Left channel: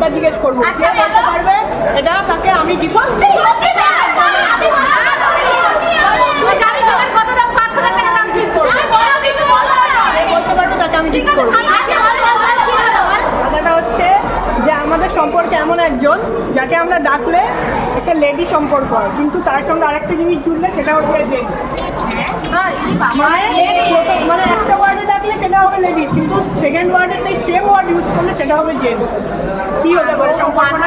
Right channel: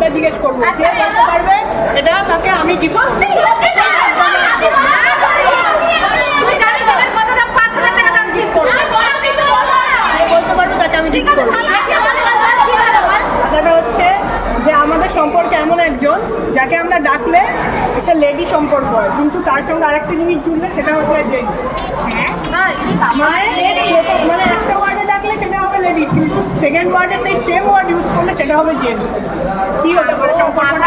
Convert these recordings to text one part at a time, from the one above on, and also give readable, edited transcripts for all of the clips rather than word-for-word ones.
কথা জিজ্ঞেস করবো, যে বলতে পারবে এটা তাকে আমি গিফট করবো। বলতে পারবে তাকে আমি গিফট করবো। কথাটা হচ্ছে যে আমাদের সম্পর্কে এমন একজন যাকে আমরা ডাকলে একটা লেডি সম্পর্ক হয়, কিন্তু তার সঙ্গে আরেকটা জিনিস জুড়লে সেটা হচ্ছে জেন্টস। মানে একটা ওয়ার্ডে ডাকলে সেটা হবে লেডিস, কিন্তু সেকেন্ড ওয়ার্ডে সেই সেম ওয়ার্ড ইউজ করলে সেটা হবে জেন্টস। কি হতে পারে সম্পর্কটা?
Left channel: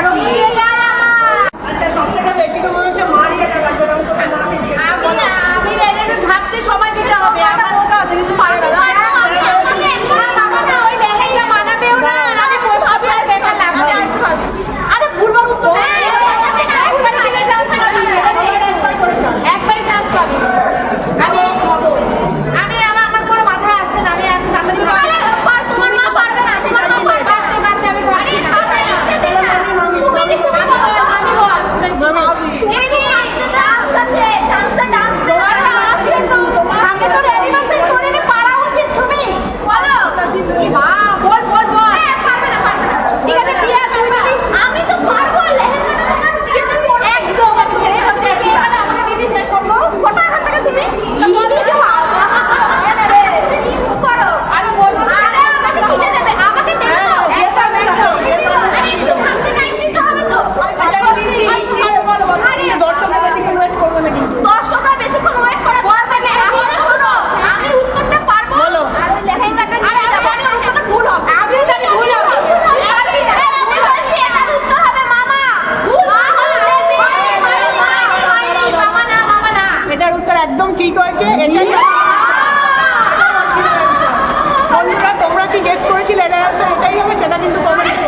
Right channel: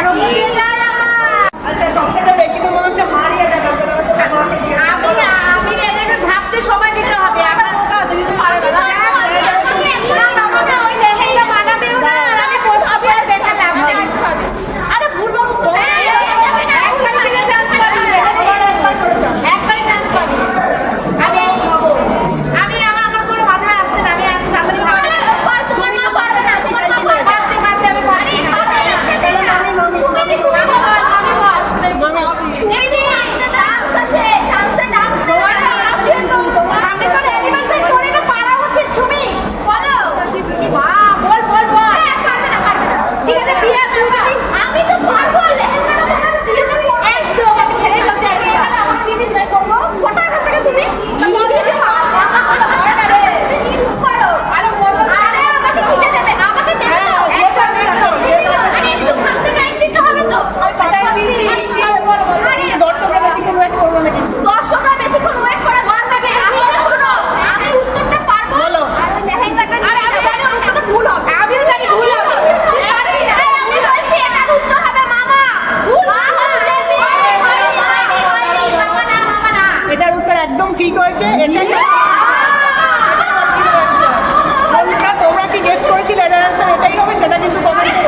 আচ্ছা, সবথেকে বেশি তো মনে হচ্ছে মারিয়ে ডাকা। ভাবতে সময় দিতে হবে। কিছু পারবে না। আরে ভুলবো একবারই চান্স পাবি। আমি আমার কোনো মাথা আসছে না। আমি তোমার মা পারবে না। তোমার মা পারবে আমি পারছি না। এটার উত্তর একদম ঠিক হয়েছে। বন্ধুরা, তোমরা কি গেস করেছিলে এটার অ্যান্সার এটাই হবে? সেটা কিন্তু কমেন্টে